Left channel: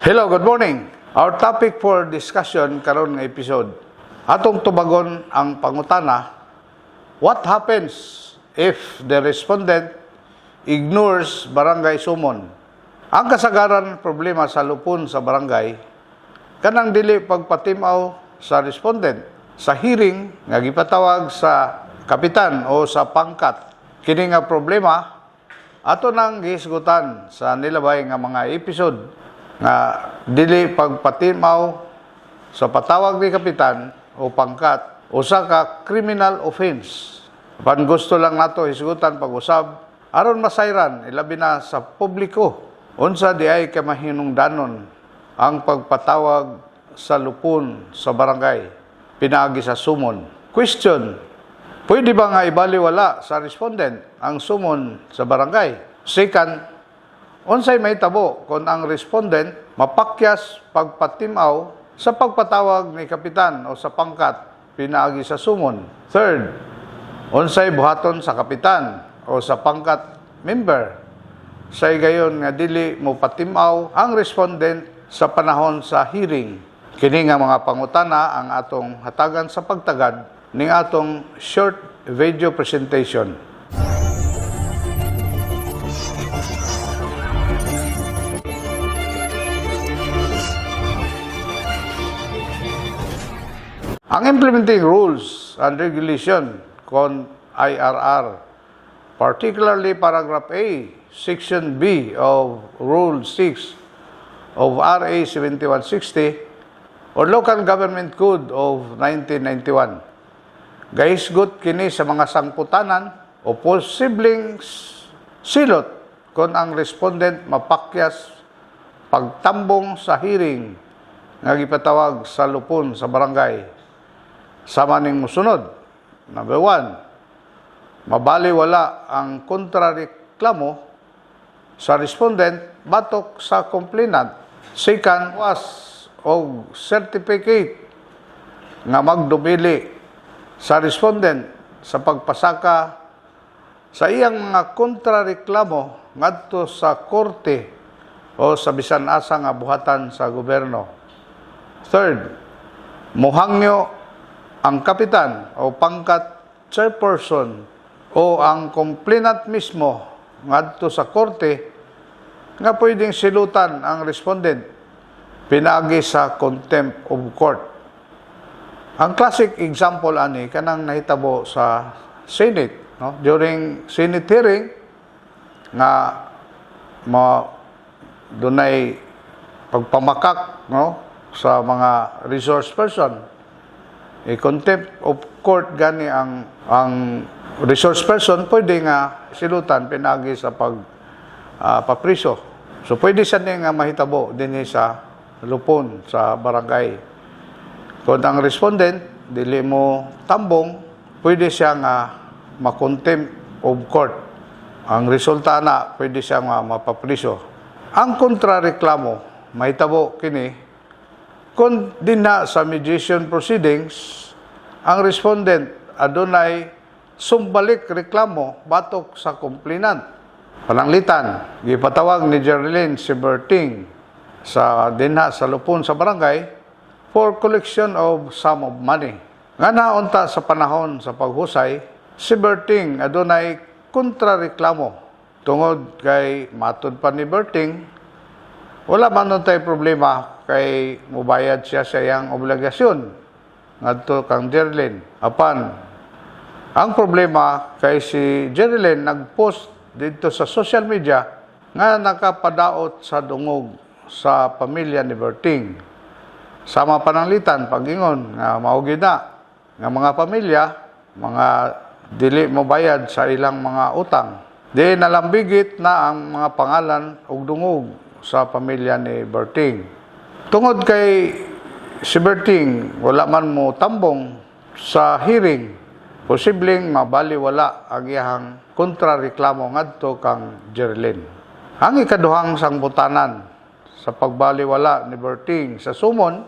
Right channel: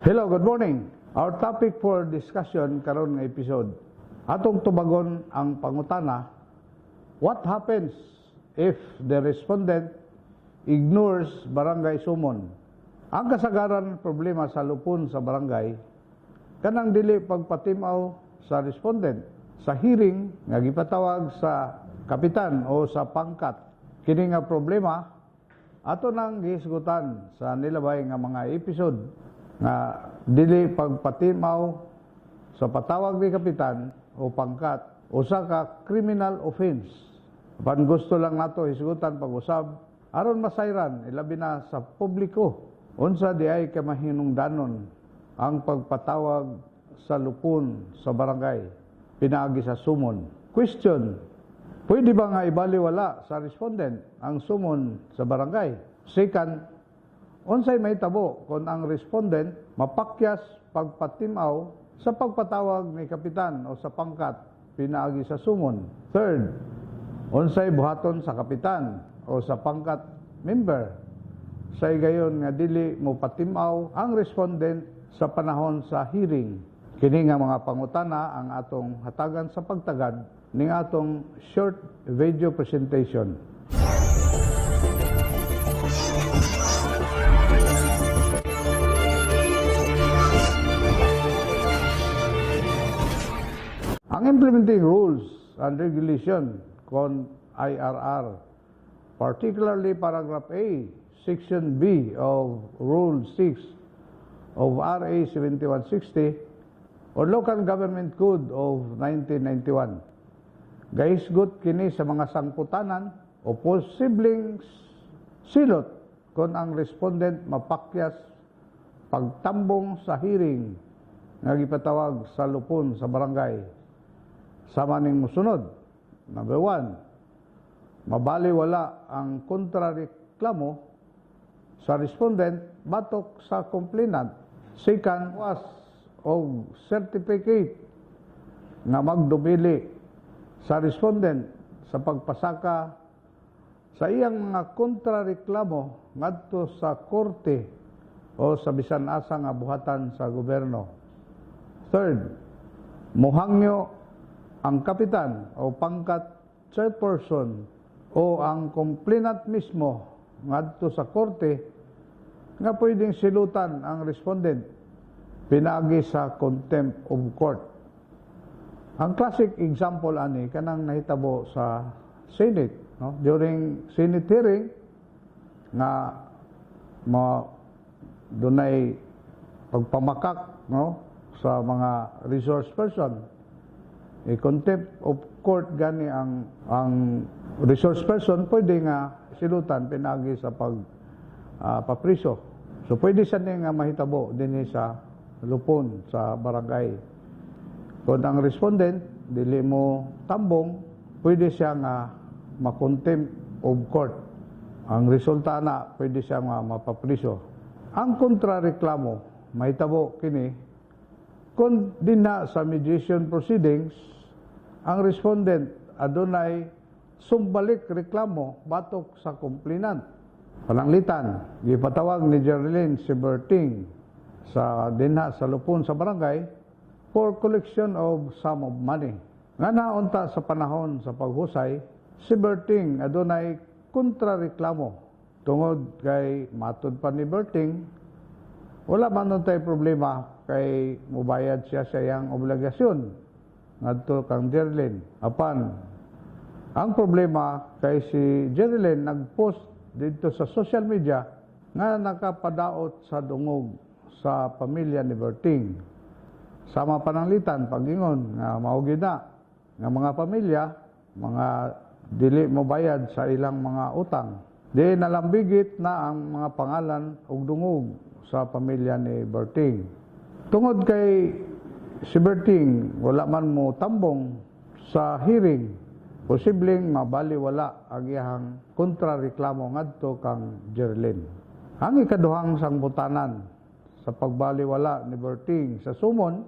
Hello, good morning. Our topic for discussion karon nga episode. Atong tubagon ang pangutana, what happens if the respondent ignores barangay sumon? Ang kasagaran problema sa lupon sa barangay kanang dili pagpatimaw sa respondent sa hearing nga gipatawag sa kapitan o sa pangkat. Kini nga problema ato nang gihisgutan sa nilabay nga mga episode nga dili pagpatimaw sa patawag ni kapitan o pangkat usa ka criminal offense. Pan gusto lang nato hisgutan pag-usab aron masayran ilabi na sa publiko unsa di ay kamahinungdanon ang pagpatawag sa lupon sa barangay pinaagi sa sumon. Question: pwede ba nga ibaliwala sa respondent ang sumon sa barangay? Second, unsay mahitabo kung ang respondent mapakyas pagpatimaw sa pagpatawag ni kapitan o sa pangkat pinaagi sa sumon. Third, unsay buhaton sa kapitan o sa pangkat member sa gayon nga dili mo patimaw ang respondent sa panahon sa hearing. Kini nga mga pangutana ang atong hatagan sa pagtagad ning atong short video presentation. Ang implementing rules and regulation kon IRR, particularly paragraph A, section B of Rule 6 of RA 7160 or Local Government Code of 1991. Gahisgot kini sa mga sangputanan o posibleng silot kung ang respondent mapakyas pagtambong sa hearing nga gipatawag sa lupon sa barangay. Sama ning musunod. Number 1, mabaliwala ang kontrareklamo sa respondent batok sa complainant. Second, was o certificate nga magdumili sa respondent sa pagpasaka sa iyang mga kontrareklamo ngadto sa korte o sa bisan asa nga buhatan sa gobyerno. Third, muhangyo ang kapitan o pangkat chairperson o ang complainant mismo ngadto sa korte nga pwedeng silutan ang respondent pinaagi sa contempt of court. Ang classic example ani kanang nahitabo sa Senate, no? During Senate hearing nga dunay pagpamakak, no, sa mga resource person. Contempt of court gani ang resource person pwede nga silutan pinagi sa papriso. So pwede siya nga mahitabo dinhi sa lupon sa barangay. Kung ang respondent dili mo tambong, pwede siya nga ma-contempt of court. Ang resulta na pwede siya nga mapapriso. Ang kontrareklamo mahitabo kini kung dinha sa mediation proceedings, ang respondent adunay sumbalik reklamo batok sa complainant. Pananglitan, gipatawag ni Geraldine Siberting sa dinha sa lupon sa barangay for collection of sum of money. Nga naunta sa panahon sa paghusay, Siberting adunay kontrareklamo tungod kay matud pa ni Berting wala man nun tayo problema kay mubayad siya sa iyang obligasyon ngadto kang Geraldine. Apan, ang problema kay si Geraldine nagpost dito sa social media nga nakapadaot sa dungog sa pamilya ni Berting. Sama pananglitan pagingon nga maugid na nga mga pamilya, mga dili mobayad sa ilang mga utang. Di nalambigit na ang mga pangalan ug dungog sa pamilya ni Berting. Tungod kay si Berting wala man mo tambong sa hearing, posibleng mabaliwala ang iyang kontrareklamo ngadto kang Geraldine. Ang ikaduhang sangbutanan sa pagbaliwala ni Berting sa sumon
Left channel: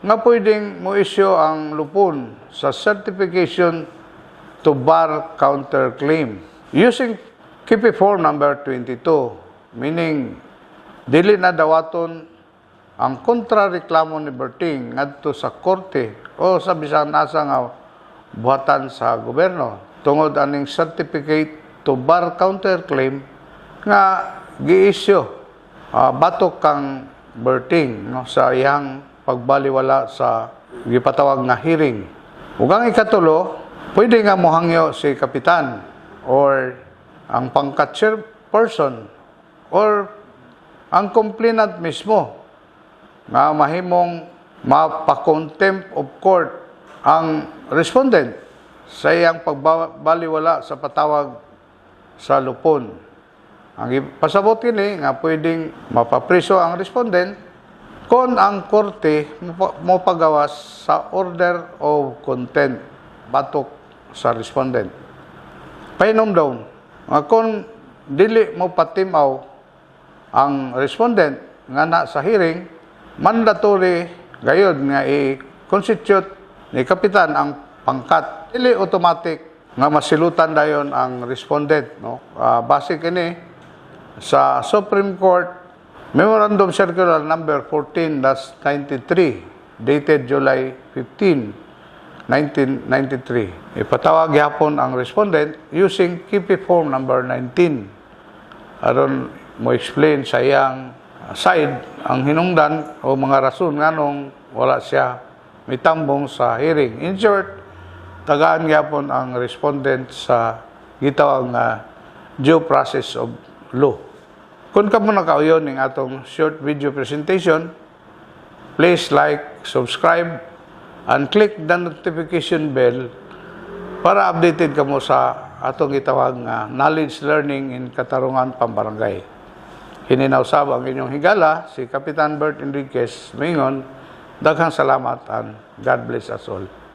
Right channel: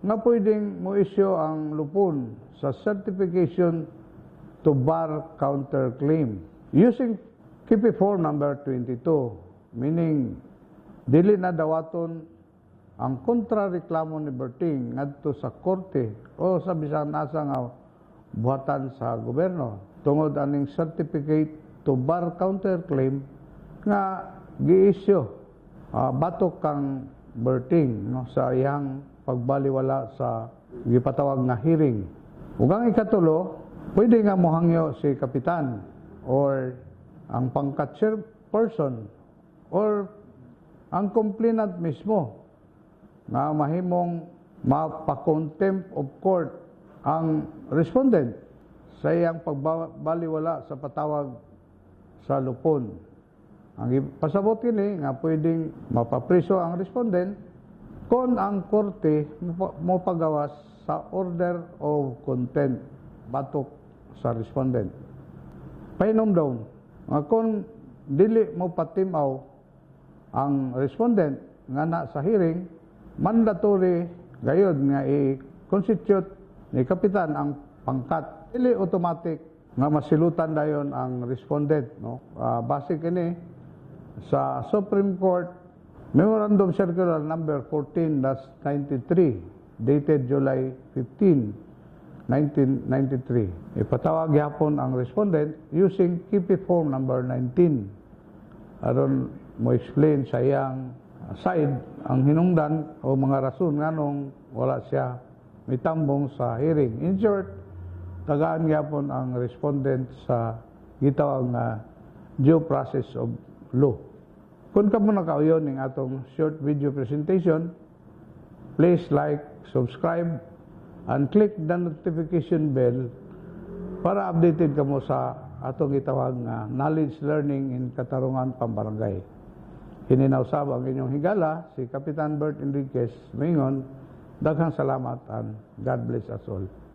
nga pwedeng mo isyu ang lupon sa certification to bar counterclaim using KP Form number 22, meaning dili na dawaton ang kontrareklamo ni Berting ngadto sa korte o sa bisan asa nga buhatan sa gobyerno tungod aning certificate to bar counterclaim nga gi-issue batok kang Berting no, sa iyang pagbaliwala sa gipatawag nga hearing. Ug ang ikatulo, pwede nga mohangyo si kapitan or ang pangkat chairperson or ang complainant mismo nga mahimong mapa-contempt of court ang respondent sa iyang pagbaliwala sa patawag sa lupon. Ang ipasabot kini nga pwedeng mapapriso ang respondent kung ang korte mo pagawas sa order of contempt batok sa respondent. Painom daw, nga kung dili mo patimaw ang respondent nga na sa hearing, mandatory gayud nga i-constitute ni kapitan ang pangkat. Dili automatic nga masilutan dayon ang respondent. No? Base kini sa Supreme Court Memorandum Circular Number 14-93 dated July 15, 1993. Ipatawag yapon ang respondent using KP Form number 19 aron mo explain sa iyang side ang hinungdan o mga rason nganong wala siya mitambong sa hearing. In short, tagaan yapon ang respondent sa gitawag nga due process of law. Kung ka mo nakauyon ng atong short video presentation, please like, subscribe, and click the notification bell para updated ka mo sa atong gitawag nga knowledge learning in Katarungan Pambarangay. Hininausab ang inyong higala, si Kapitan Bert Enriquez Mingon. Daghang salamat and God bless us all.